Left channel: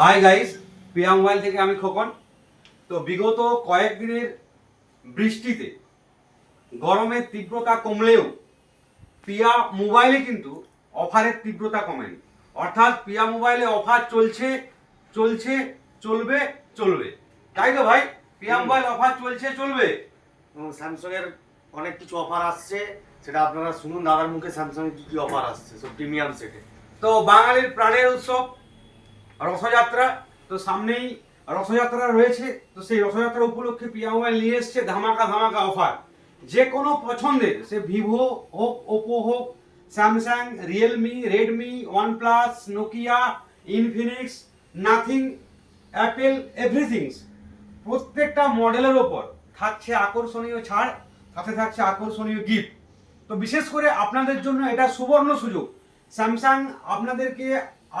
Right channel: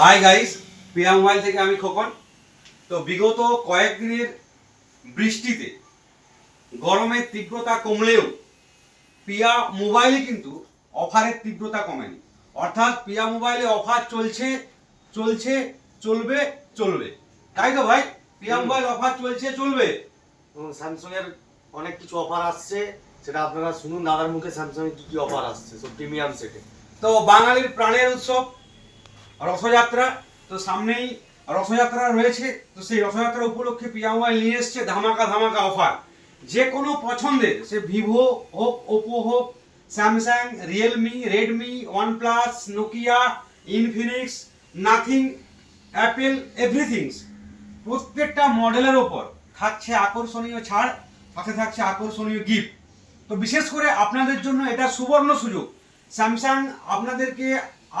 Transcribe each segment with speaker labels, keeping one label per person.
Speaker 1: Hi guys পিয়া mobile থেকে আমি খোকন। তো বিগত কয়েকদিনের বৃষ্টিতে গরমের তীব্রতা কমলেও পিয়া মোবাইলে কিন্তু অফারের তীব্রতা কমেনি। অর্থাৎ পিয়া মোবাইলে অফার চলছে চলছে চলবে চলবে। তাই তো ভাই? পিয়া মোবাইল অফার চলছে চলবে।
Speaker 2: স্যামসাং এর অনেক কিছু অফার আসছে সেটা আপনারা শুনুন দাদার মুখে স্যামসাং এর কি কি অফার আসছে সব প্রিমিয়াম সেটে
Speaker 1: তো বাঙালির প্রাণের উৎসব রথযাত্রা তো সামনেই রথযাত্রা রয়েছে, তো সেই রথযাত্রা উপলক্ষে পিয়া মোবাইল নিয়ে এসছে ধামাকা ধামাকা অফার। যে কোনো পছন্দের, সে ভিভো হোক, ওপো হোক, Samsung, Realme, Redmi, OnePlus, Nokia, Infinix, nothing, Apple everything's প্রত্যেকটা মডেলের ওপর থাকছে আকর্ষণীয় ছাড়, সাথে থাকছে আকর্ষণীয় গিফট। তো বিশেষ করে আপনাদের জন্য এটা সুবর্ণ সুযোগ। স্যামসাং আপনাদেরকে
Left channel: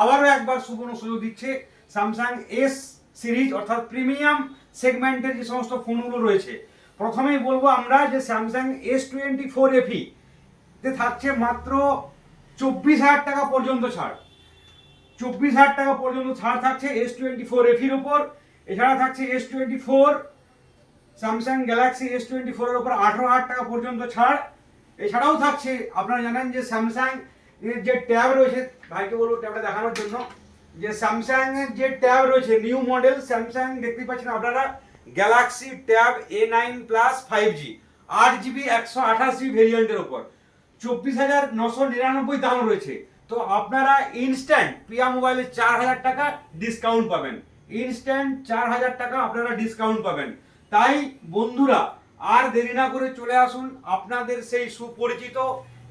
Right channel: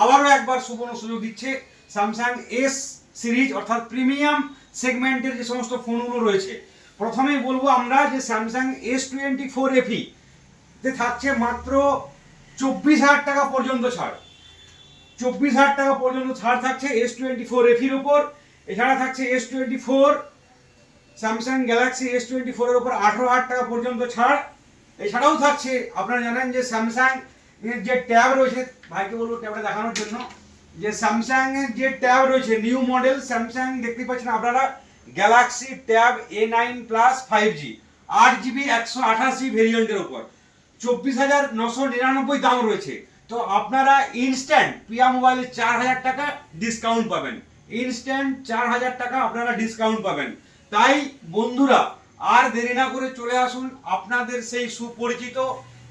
Speaker 1: আবারও একবার সুবর্ণ সুযোগ দিচ্ছে। স্যামসাং এস সিরিজ অর্থাৎ প্রিমিয়াম সেগমেন্টের যে সমস্ত ফোনগুলো রয়েছে। প্রথমেই বলব আমরা যে Samsung S twenty four FE তে থাকছে মাত্র চব্বিশ হাজার টাকা পর্যন্ত ছাড়। চব্বিশ হাজার টাকা পর্যন্ত ছাড় থাকছে এস টোয়েন্টি ফোর এফির উপর। এছাড়া থাকছে S twenty four Samsung Galaxy S twenty ফোরের উপর আঠেরো হাজার টাকা পর্যন্ত ছাড়। এছাড়াও থাকছে, আপনারা জানেন যে স্যামসাং এর যে ট্যাব রয়েছে, ভাইকে বলব ট্যাবটা দেখানোর জন্য। যে স্যামসাং এর যে ট্যাব রয়েছে নিউ মডেল স্যামসাং দেখতে পাচ্ছেন আপনারা Galaxy tab A nine plus five G আট জিবি একশো আঠাশ ভেরিয়েন্টের উপর। চব্বিশ হাজার নশো নিরানব্বই দাম রয়েছে। তো আপনারা ইনস্ট্যান্ট পিয়া মোবাইলে চার হাজার টাকা ডিসকাউন্ট পাবেন। ইনস্ট্যান্ট চার হাজার টাকা আপনারা ডিসকাউন্ট পাবেন। তাই বন্ধুরা, আর দেরি না করে চলে আসুন। আপনাদের সেই সুপরিচিত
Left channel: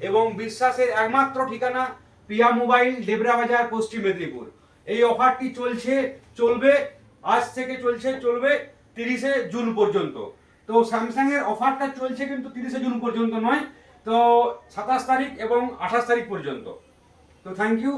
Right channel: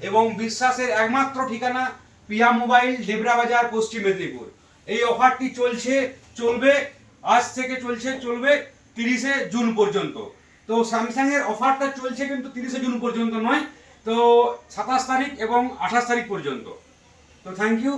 Speaker 1: এবং বিশ্বাসের একমাত্র ঠিকানা পিয়া মোবাইল ডেবরা বাজার, পশ্চিম মেদিনীপুর। এই অফারটি চলছে, চলবে, আজ থেকে চলছে, চলবে তিরিশে জুন পর্যন্ত। তো স্যামসাংয়ের অফারটা চলছে কিন্তু তিরিশে জুন পর্যন্ত নয়, তো সাতাশ তারিখ এবং আঠাশ তারিখ পর্যন্ত। তো থ্যাংক ইউ